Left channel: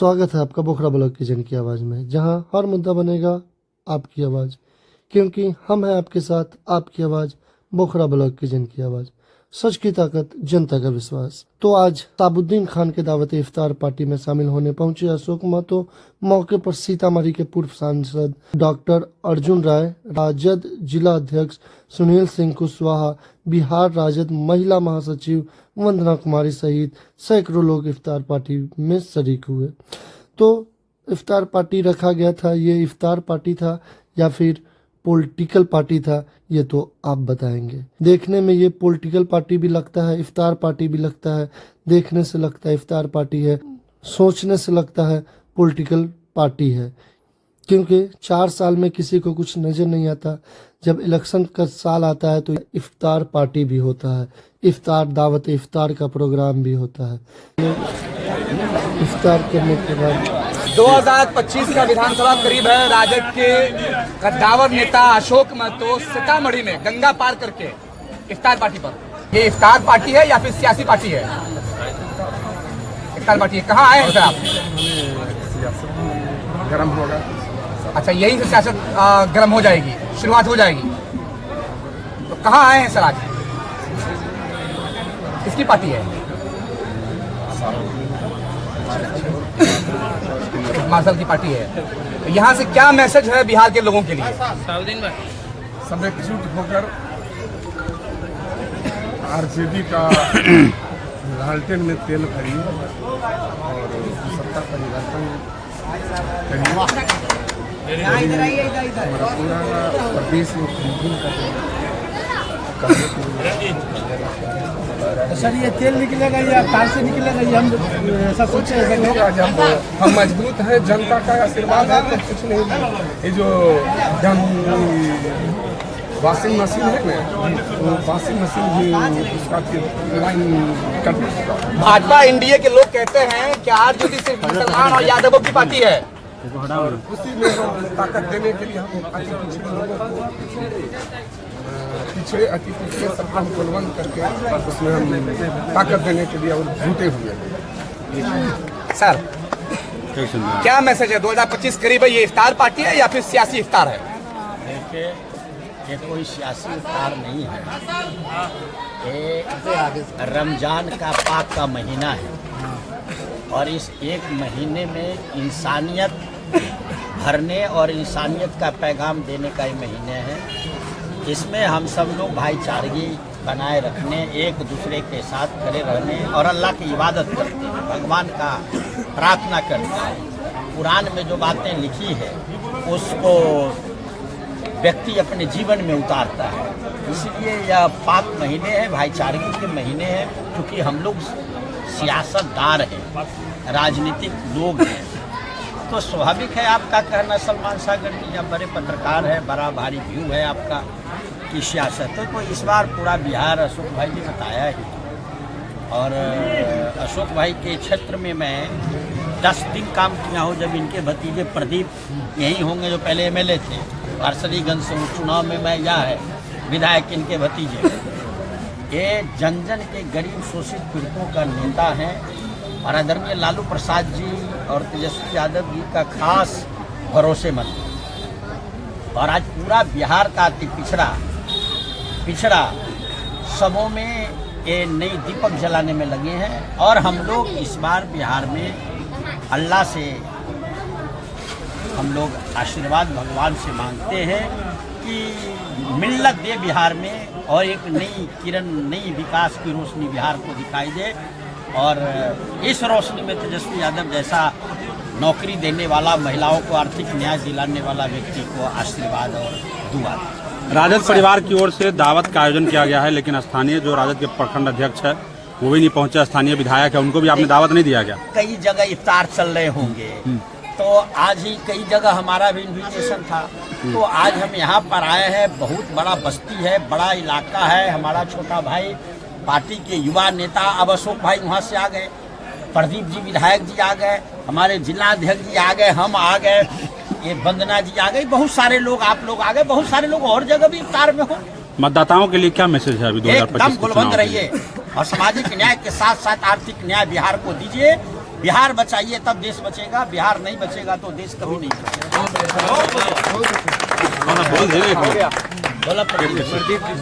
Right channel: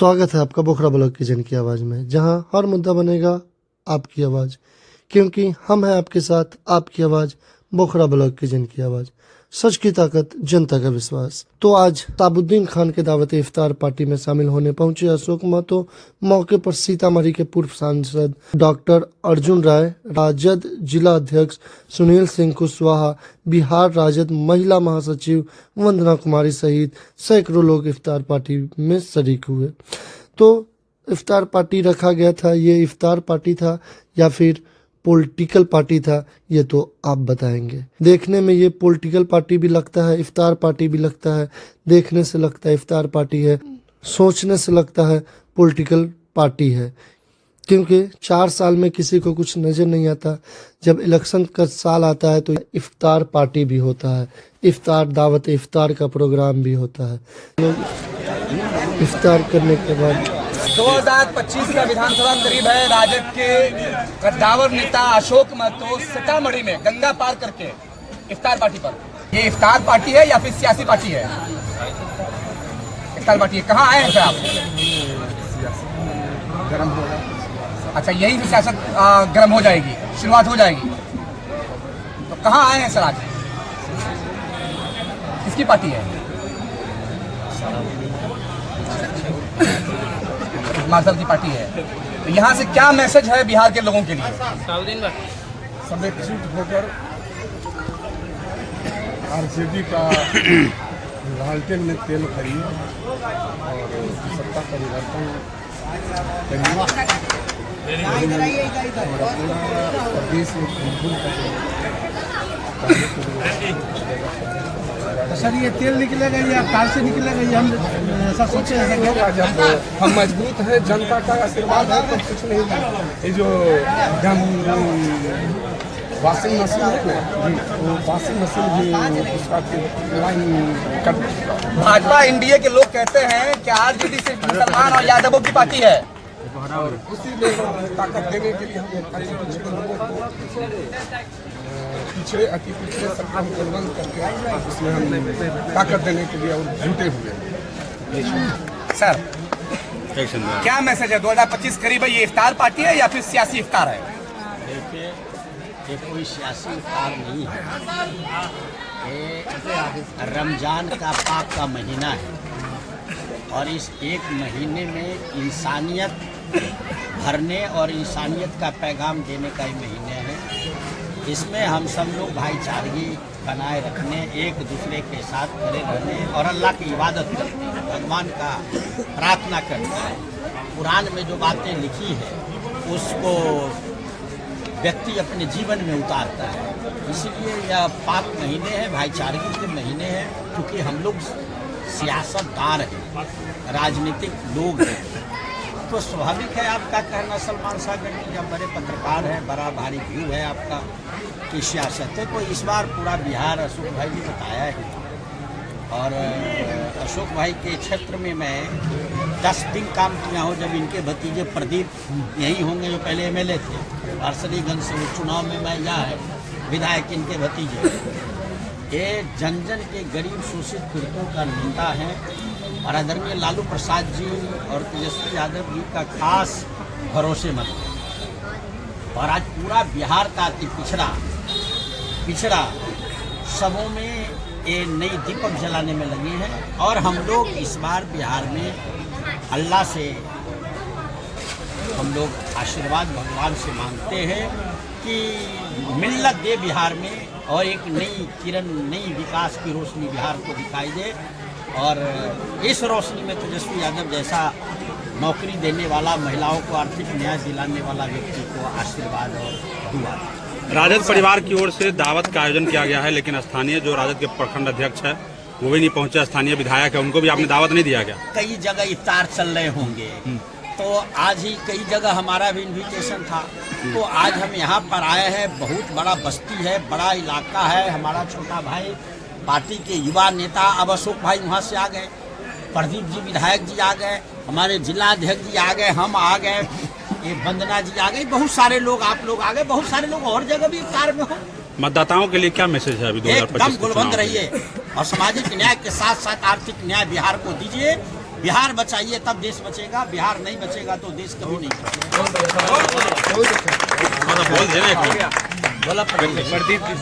स्वागत है आपका बोखरा ब्लॉग की जन की आवाज़ में, जहां हर मुद्दा बनेगा आपकी आवाज़, क्योंकि हम हैं आपके साथ। आपकी आवाज़ बोखरा ब्लॉग की जन की आवाज़, सच की ताकत, जनता का विश्वास। तो आज साबुद्दीन खान के दावत इफ्तार पार्टी में शामिल होने पहुंचे अशोक महतो। मौके पर सीतामढ़ी के पूर्व सांसद डॉक्टर अर्जुन राय, राजद जिला अध्यक्ष सुनील सिंह कुशवाहा, बिहार राजद महिला महासचिव वंदना कुमारी सहित सैकड़ों लोग इफ्तार पार्टी में शरीक हुए। तो इफ्तार पार्टी रखा गया था, ये इफ्तार पार्टी था या फिर पॉलिटिकल पार्टी था, ये तो आप बताएंगे। देखने में ये पॉलिटिकल पार्टी भी लगता है, इफ्तार पार्टी भी लगता है। देखने से लगता है इफ्तार पार्टी है, सोचने से लगता है पॉलिटिकल पार्टी है, क्योंकि 4 साल में किसी को कुछ नज़र नहीं आता। जब इलेक्शन का साल आता है तो इफ्तार पार्टी भी होता है, इफ्तार दावत इफ्तार का प्रोग्राम भी होता है। इफ्तार करने के बाद 2025 का विधानसभा करीब है। राजद के कद्दावर नेता अशोक महतो सीतामढ़ी में गंगा पार करके इफ्तार पार्टी पर, ये इफ्तार पार्टी है या फिर सियासी पार्टी है? इफ्तार पार्टी है। कहाँ आए हैं सर आप? गरम होगा। अच्छा, यही से सियासत गर्म हो जाएगी, शुरुआत हो जाएगी। तो कहाँ आए हैं सर आज? किसकी पार्टी है? मार्शल की पार्टी है। तो यहाँ से क्या मैसेज है बिहार के लोगों के लिए? सब एकजुट होकर आरजेडी का लालटेन में तेल भरिए और सत्ता परिवर्तन करिए। हमारा पूरा प्रदेश में खुल तो सर ये तेल निकलेगा या कार से निकलेगा, ये हम ऐसा सोचे होगा। जब हम मजबूत हैं, जनता का आशीर्वाद है तो कुछ नहीं। ये जो वॉशिंग मशीन है ना, तो वॉशिंग मशीन भी उसका लाइन कट चुका। भाजपा एनडीए के लोग कहते हैं कि आरजेडी सिर्फ मुसलमान और यादवों की पार्टी है, और उसी में ताकत देने के लिए हम अति पिछड़े लोगों को अति पिछड़े सबका हम कुलबंद करके उसमें हम ताकत देने के लिए और जुटे हुए हैं। सर क्या मैसेज है? 2025 करीब है, ये इफ्तार पार्टी है या फिर सियासी इफ्तार है? देखिए, ये कोई सियासी इफ्तार नहीं है, ये रमजान का पाक का महीना है और इस एक महीने में इंसानियत भरने और इंसानियत का पैगाम देने का ये महीने है। इसमें हम सब लोग भाईचारगी बनाए रखने, एक दूसरे के साथ खड़े रहने और अल्लाह की इबादत करने, भगवान का प्रार्थना करने। कुरान में जो बातें लिखी है उसको व्यक्ति अपने जीवन में उतारता है। इसलिए यह पाक महीने हैं, भाईचारगी के महीने हैं, क्योंकि हम लोग सियासतदार हैं, राजनीतिक लोग हैं। तो स्वाभाविक है आपका कहना, सलमान सागर जी जब बड़े पत्रकार हैं, बड़ा भारी व्यू है आपका की सियासत है। तो इस बार पूरा बिहार अशोक भाई ने बताया ही, और अशोक भाई के क्षेत्र में मैं 10 दिन काम किया हूँ। जब इनके भतीजे प्रदीप यही होंगे जो पहले एमएलए थे, वारसलीगंज से चुनाव में मैं यहाँ है विधायक, इनके भतीजे। ये जन जन के गरीब शोषित पीड़ितों का नेता है और आदरणीय लालू प्रसाद जी और तेजस्वी यादव जी का खास भरोसेमंद। और आज पूरा बिहार का अति पिछड़ा सबों में ये नई दीपक जलाने में लगे हैं। और हम लोग इस बार बिहार में अल्लाह से हम लोग आशीर्वाद भगवान से मांगते हैं कि मिल्लत दे बिहार में, और एक नई किरण, नई विकास की रोशनी बिहार को दिखाई दे। और इस रोशनी में तेजस्वी यादव जैसा नौकरी देने वाला, महिलाओं को आर्थिक न्याय दिलाने वाला व्यक्ति को आशीर्वाद और दुआ। राजद परिवार की ओर से दावत का आयोजन किया गया है, लेकिन स्थानीय जो राजद के प्रखंड अध्यक्ष है वो भी नहीं पहुंचे, स्थानीय विधायक है, उनको भी आपने दावत नहीं दिया गया? कई जगह इफ्तार चल रहे होंगे, तो आज ही कई जगह हमारा भी इन्विटेशन था, तो आज हम यहाँ पर आए हैं। बहुत बड़ा बस्ती है, बड़ा इलाका है। हमारा छोटा भाई पार्टी के युवा नेता अब अशोक भाई वहाँ से आ गए, प्रदीप जी विधायक जी आ गए, हमारे जिला अध्यक्ष जी आ गए, हम आ गए, ये वंदना जी आ गई, बहुत सारे लोग, आप लोग आ गए, बहुत सारे लोग और जगह भी इफ्तार में हो। मतदाताओं के लिए क्या मैसेज है अभी 2025 एकदम गुलबंद रहिए और सामाजिक न्याय के साथ साथ आर्थिक न्याय बिहार को दीजिए। बिहार बचाइए तब देश बचेगा, बिहार नहीं बचेगा तो देश कभी नहीं बचेगा।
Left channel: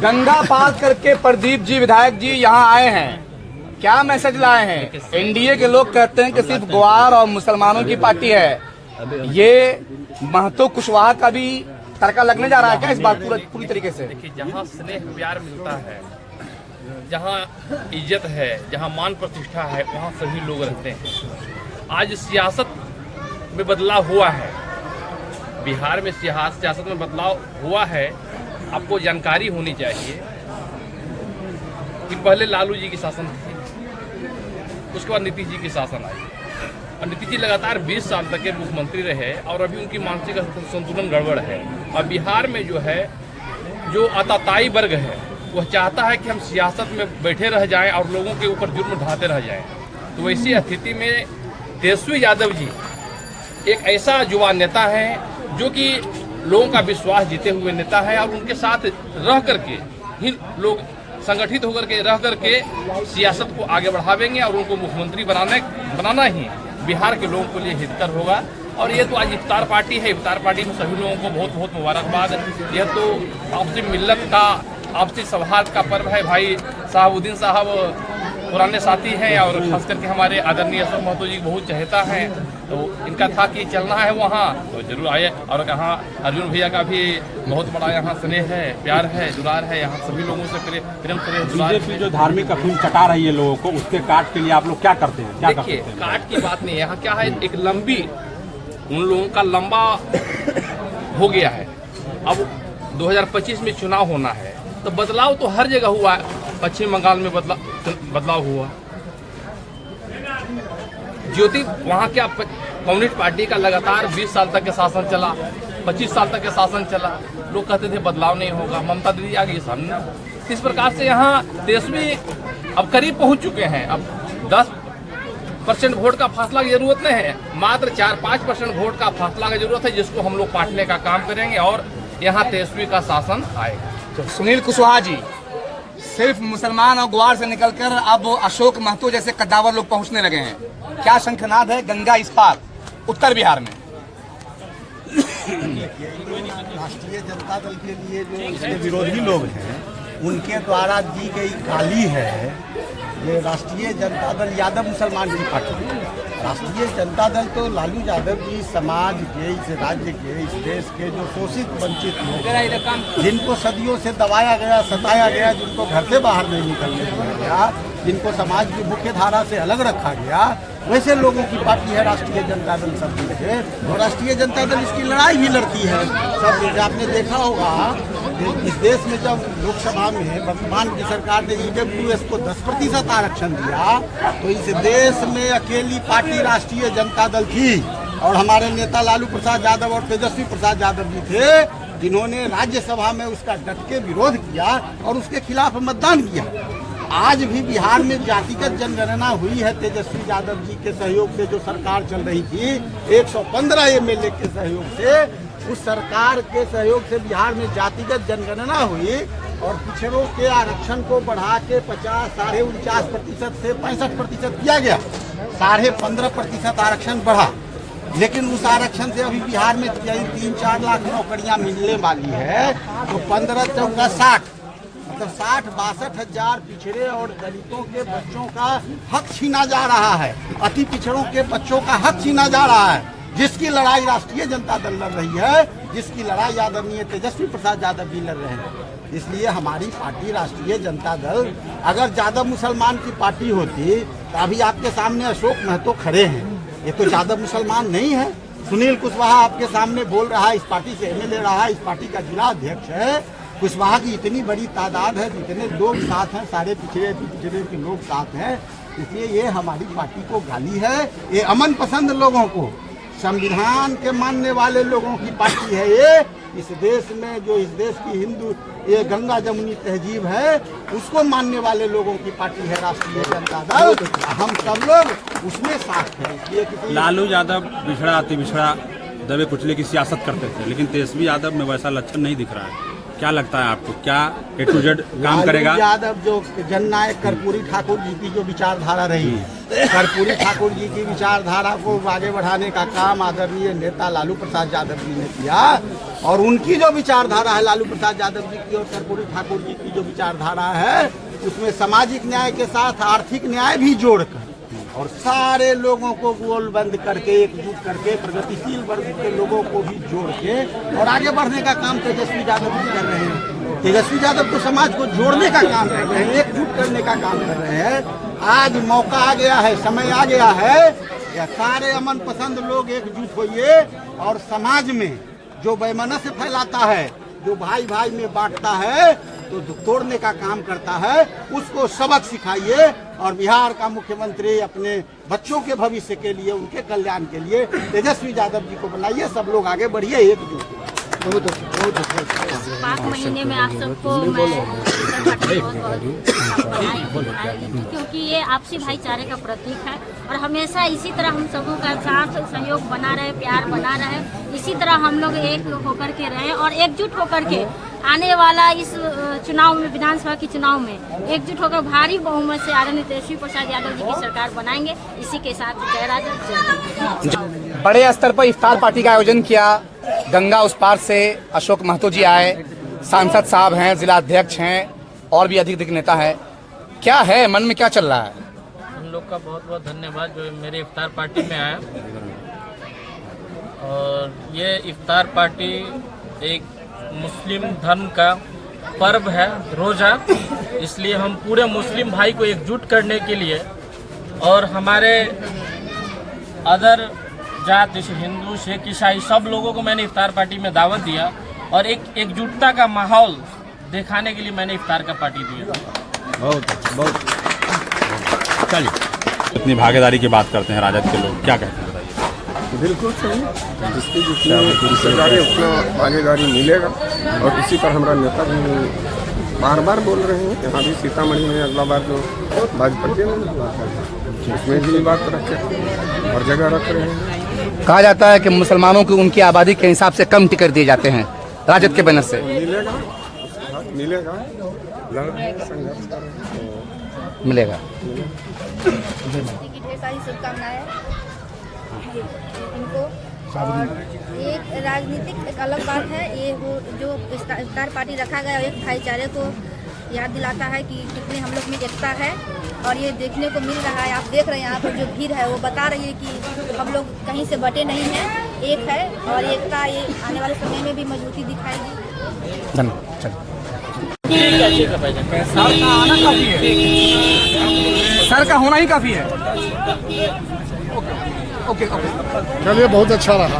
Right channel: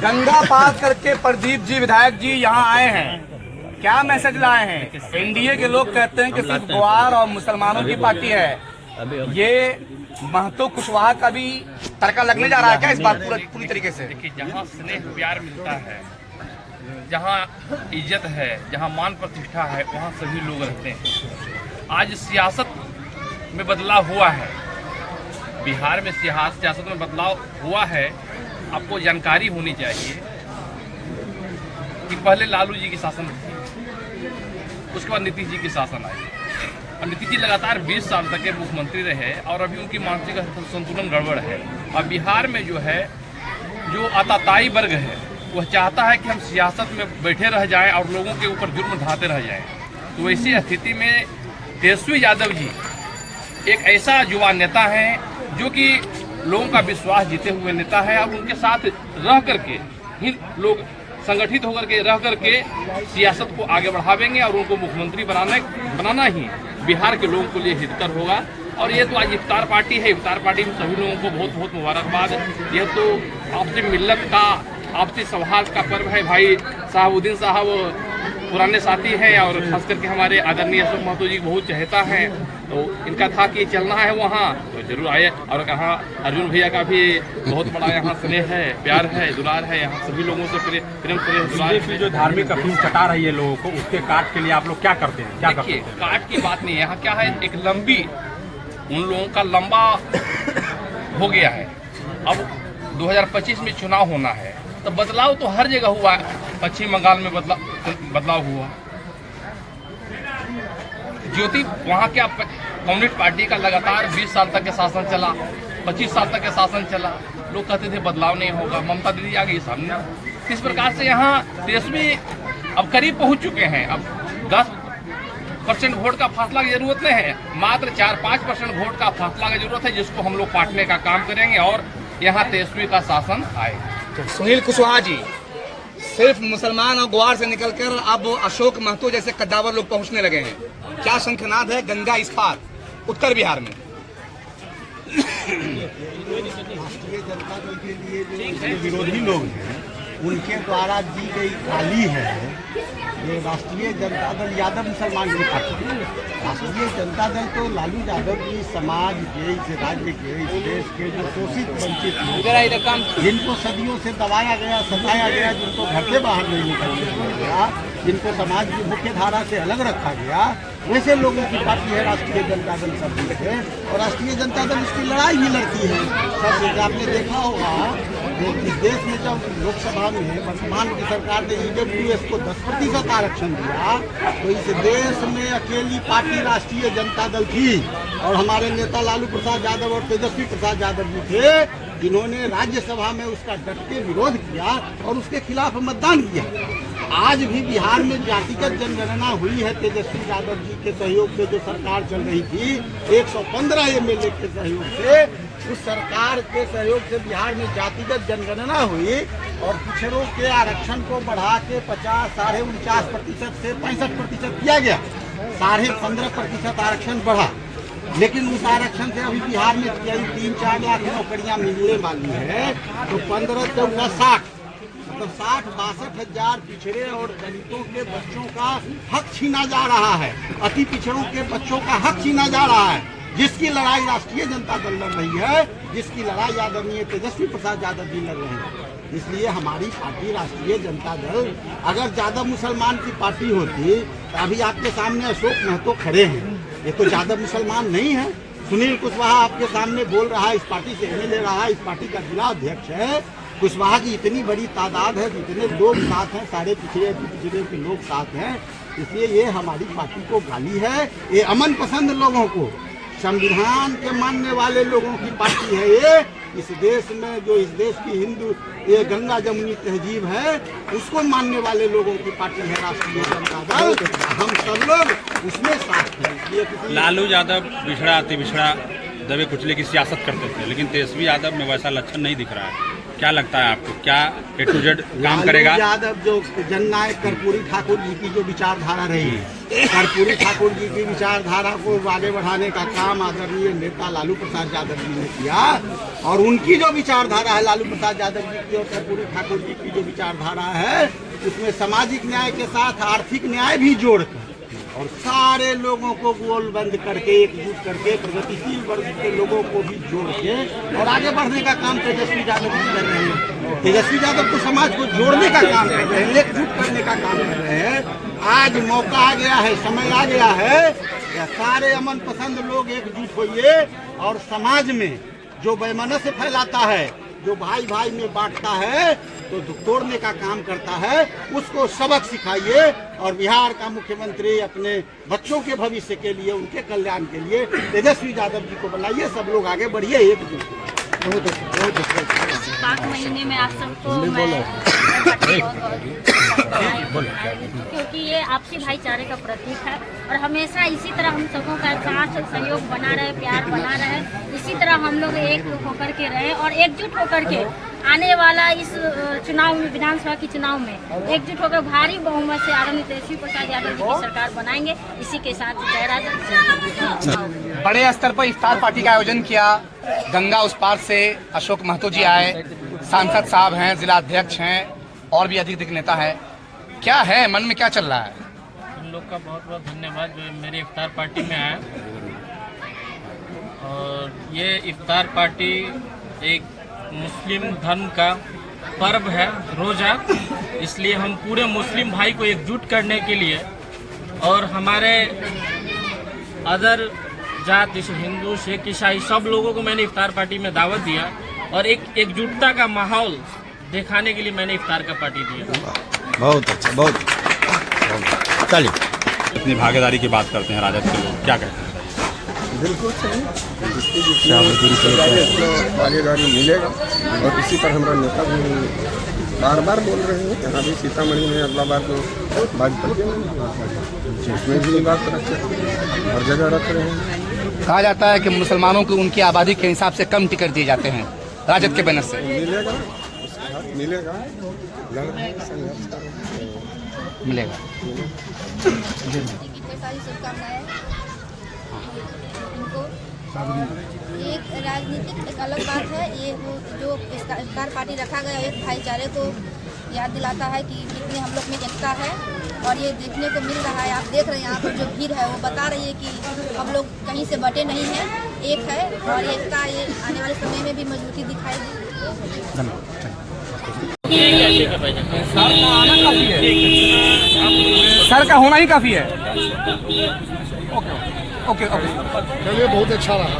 गंगा पार करके प्रदीप जी विधायक जी यहाँ आए हैं, क्या मैसेज लाए हैं? एनडीए के लोग कहते हैं कि सिर्फ ग्वार और मुसलमानों की पार्टी है, ये महतो कुशवाहा का भी तड़का लगने जा रहा है क्या इस बार पूरी तरीके से? देखिए, जहाँ स्नेह प्यार मिलता है, जहाँ इज्जत है, जहाँ मान प्रतिष्ठा है, वहाँ सभी लोग रहते हैं। आज सियासत में बदलाव हुआ है, बिहार में सियासत में बदलाव हुआ है। आपको जानकारी होनी चाहिए कि पहले लालू जी की शासन थी, उसके बाद नीतीश जी की शासन आई। अब नीतीश जी लगातार 20 साल तक के मुख्यमंत्री रहे और अभी उनकी मानसिक संतुलन गड़बड़ है। और बिहार में जो है, जो आताताई वर्ग है, वह चाहता है कि हम सियासत में बैठे रह जाएं और लोगों के ऊपर जुर्म ढाते रह जाएं। तो ऐसी स्थिति में तेजस्वी यादव जी एक ऐसा युवा नेता है जो कि लोगों का विश्वास जीते हुए नेता है, और उनके साथ रह करके ही लोग संगठित होकर के रह करके सियासत को आगे बढ़ावेंगे और उनको मुख्यमंत्री बनाना ही बिहार के लोगों के लिए हितकर होगा। और ये तो आज इफ्तार पार्टी है, इफ्तार पार्टी में सभी लोगों को बहुत बहुत मुबारकबाद। यह तो आपसी मिल्लत का, आपसी सौहार्द का पर्व है। भाई साहबुद्दीन साहब पुराने साथी हैं और खास करके हमारे आदरणीय अशोक महतो जी बहुत चाहता है, तो इनका था कि चलना है वहाँ तो जरूर आए। और कहाँ अर्जुन भैया का भी बहुत बड़ा यहाँ स्नेह है, प्यार है, दुलार है, यहाँ सभी लोगों से प्रेम से दुलार है। जो धार्मिक अफीम चटा रही है लोगों को, उसके काट के लिए आप लोग क्या करते हैं? क्या देखिए, करते हैं? काट की बात नहीं है, यहाँ क्या है, एक लंबी, उन लोगों का लंबा हो गया है। अब 2025 में चुनाव होना है, तो बदलाव तो हर जगह हुआ है। पश्चिम बंगाल में बदलाव हुआ, ज्योति वहाँ क्या कम्युनिस्ट पार्टी का लगातार 20 साल तक के शासन चला, 25 साल तक के शासन चला, लोग कहते थे बदलाव नहीं होगा, ममता दीदी आ गई सामने। इस प्रकार से यहाँ तेजस्वी अब करीब पहुंच चुके हैं। अब 10% वोट का फासला की जरूरत नहीं है, मात्र 4-5% वोट का फासला की जरूरत है, जिसको हम लोग पाटने का काम करेंगे और यहाँ तेजस्वी का शासन आएगा। सुनील कुशवाहा जी, सिर्फ मुसलमान और ग्वार से निकलकर अब अशोक महतो जैसे कद्दावर लोग पहुंचने लगे हैं, क्या शंखनाद है गंगा इस पार उत्तर बिहार में? राष्ट्रीय जनता दल के लिए जो इसके विरोधी लोग हैं, उनके द्वारा दी गई गाली है। ये राष्ट्रीय जनता दल यादव मुसलमान की पार्टी है। राष्ट्रीय जनता दल तो लालू यादव जी समाज के, इस राज्य के, इस देश के जो शोषित वंचित लोग, जिनको सदियों से दबाया गया, सताया गया, जिनको घर से बाहर नहीं निकलने दिया गया, जिनको समाज की मुख्य धारा से अलग रखा गया, वैसे लोगों की पार्टी है राष्ट्रीय जनता दल सब मिलकर। और राष्ट्रीय जनता दल इसकी लड़ाई भी लड़ती है। सब आपने देखा होगा, इस देश में जब लोकसभा में वर्तमान की सरकार ने EWS को 10% आरक्षण दिया, तो इस देश में अकेली पार्टी राष्ट्रीय जनता दल थी। और हमारे नेता लालू प्रसाद यादव और तेजस्वी प्रसाद यादव जी थे, जिन्होंने राज्यसभा में उसका डट के विरोध किया और उसके खिलाफ मतदान किया। आज भी बिहार में जातिगत जनगणना हुई है तेजस्वी यादव जी के सहयोग से, जो सरकार चल रही थी 115 MLA के सहयोग से, उस सरकार के सहयोग से बिहार में जातिगत जनगणना हुई और पिछड़ों के आरक्षण को बढ़ा के 49.5% से 65% किया गया। 15.5% आरक्षण बढ़ा, लेकिन उस आरक्षण से अभी बिहार में 3-4 लाख नौकरियां मिलने वाली है। तो 15 चौका 60, मतलब 60-62 हजार पिछड़े और दलितों के बच्चों का हक छीना जा रहा है, अति पिछड़ों के बच्चों का हक छीना जा रहा है, जिसकी लड़ाई राष्ट्रीय जनता दल लड़ रही है, जिसकी लड़ाई आदरणीय तेजस्वी प्रसाद यादव जी लड़ रहे हैं। इसलिए हमारी पार्टी राष्ट्रीय जनता दल, अगर ज्यादा मुसलमान की पार्टी होती तो अभी आपके सामने अशोक महतो खड़े हैं, ये तो ज्यादा मुसलमान नहीं है। सुनील कुशवाहा आपके सामने बोल रहा है, इस पार्टी से MLA रहा है, इस पार्टी का जिला अध्यक्ष है। कुशवाहा की इतनी बड़ी तादाद है, इतने लोग साथ हैं, सारे पिछड़े के लोग साथ हैं, इसलिए ये हमारी पार्टी को गाली है। ये अमन पसंद लोगों को, संविधान के मानने वाले लोगों की पार्टी है ये। इस देश में जो इस देश की हिंदू ये गंगा जमुनी तहजीब है, उसको मानने वाले लोगों की पार्टी है राष्ट्रीय जनता दल। हम सब लोग उसमें साथ हैं। इसलिए किसी लालू यादव बिछड़ा अति बिछड़ा दबे कुचले की सियासत करते थे, लेकिन तेजस्वी यादव में वैसा लक्षण नहीं दिख रहा है। क्या लगता है आपको, क्या A to Z काम लालू करेगा? यादव जो जननायक कर्पूरी ठाकुर जी की जो विचारधारा रही, कर्पूरी ठाकुर जी की विचारधारा को आगे बढ़ाने का काम आदरणीय नेता लालू प्रसाद यादव जी ने किया। और उनकी जो विचारधारा है लालू प्रसाद यादव जी की और कर्पूरी ठाकुर जी की जो विचारधारा है, उसमें सामाजिक न्याय के साथ आर्थिक न्याय भी जोड़कर और सारे लोगों को गोलबंद करके एकजुट करके प्रगतिशील वर्ग के लोगों को भी जोड़ के और आगे बढ़ने का काम तेजस्वी यादव जी कर रहे हैं। तेजस्वी यादव तो समाज को जोड़ने का काम कर रहे हैं, एकजुट करने का काम कर रहे हैं। आज मौका आ गया है, समय आ गया है कि सारे अमन पसंद लोग एकजुट होइए और समाज में जो वैमनस्य फैलाता है, जो भाई भाई में बांटता है, तो तोड़ने का काम करता है, उसको सबक सिखाइए। और बिहार का मुख्यमंत्री अपने बच्चों के भविष्य के लिए, उनके कल्याण के लिए तेजस्वी यादव जी को बनाइए। सब लोग आगे बढ़िए, एकजुट। पाँच महीने में आप सबको मैं बधाई क्योंकि ये आपसी भाईचारे का प्रतीक है और हमेशा इसी तरह हम सबों का साथ सहयोग बना रहे, प्यार बना रहे, इसी तरह हम लोग एक होकर के रहे और एकजुट होकर के आने वाला इस चुनाव में, विधानसभा के चुनाव में एकजुट होकर भारी बहुमत से आदरणीय तेजस्वी प्रसाद यादव जी की सरकार बनाएंगे। इसी के साथ जय राजा। बड़े स्तर पर इफ्तार पार्टी का आयोजन किया। गंगा उस पार से अशोक महतो जी आए, सांसद साहब हैं, जिला अध्यक्ष हैं और भी अधिक नेता है। क्या है मन में, क्या चल रहा है? उन लोग का बहुत बहुत धन्यवाद जो मेरे इफ्तार पार्टी में आया। और ये इफ्तार पार्टी एक मुस्लिम धर्म का पर्व है, रोजा, इसलिए हम पूरे मुस्लिम भाई को एकजुट करने के लिए और हमारे अदर जात जैसे हिंदू, सिख, ईसाई सब लोगों को मैंने इफ्तार पार्टी में दावत दिया और एक एकजुटता का माहौल दिखाने के लिए मैंने इफ्तार का पार्टी दिया। बहुत अच्छा, बहुत चलिए अपनी भागीदारी की बात करते हैं। राजद के लोग क्या कहते हैं? बिल्कुल सही, जिसकी जितनी सरकारें उतना भागीदारी मिलेगा। और इसी पर हमारा नेता भी बार बार बोल रहे हैं। यहाँ भी सीतामढ़ी में अगला बार जो भाजपा के हुआ था, उसमें भी ये बात रखे, हर जगह रख रहे हैं। कहा जाता है कि मुसलमानों की उनकी आबादी के हिसाब से कम टिकट दिए जाते हैं राजद के बैनर से। मिलेगा, उसका हक मिलेगा, लड़ रहे हैं, संघर्ष कर रहे हैं, मिलेगा। ढेर सारी शुभकामनाएं इनको। और एक राजनीतिक एक अलग बात है, ये वो जो इफ्तार पार्टी रखा गया एक भाईचारे को याद दिलाता है कि कितने हम लोग में एकता है। और ये देखने को मिल रहा है, आप देख रहे हैं यहाँ पर जो भीड़ है वो बता रही है कि हम लोग कहीं से बटे नहीं हैं, एक है। और एकता ये आने वाले समय में भी मजबूती दिखाएगी। ठीक है भाईजान। सर का आना काफी है, सर का होना ही काफी है। ओके, चलिए, बहुत अच्छा रहा।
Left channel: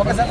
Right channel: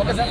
Okay sir.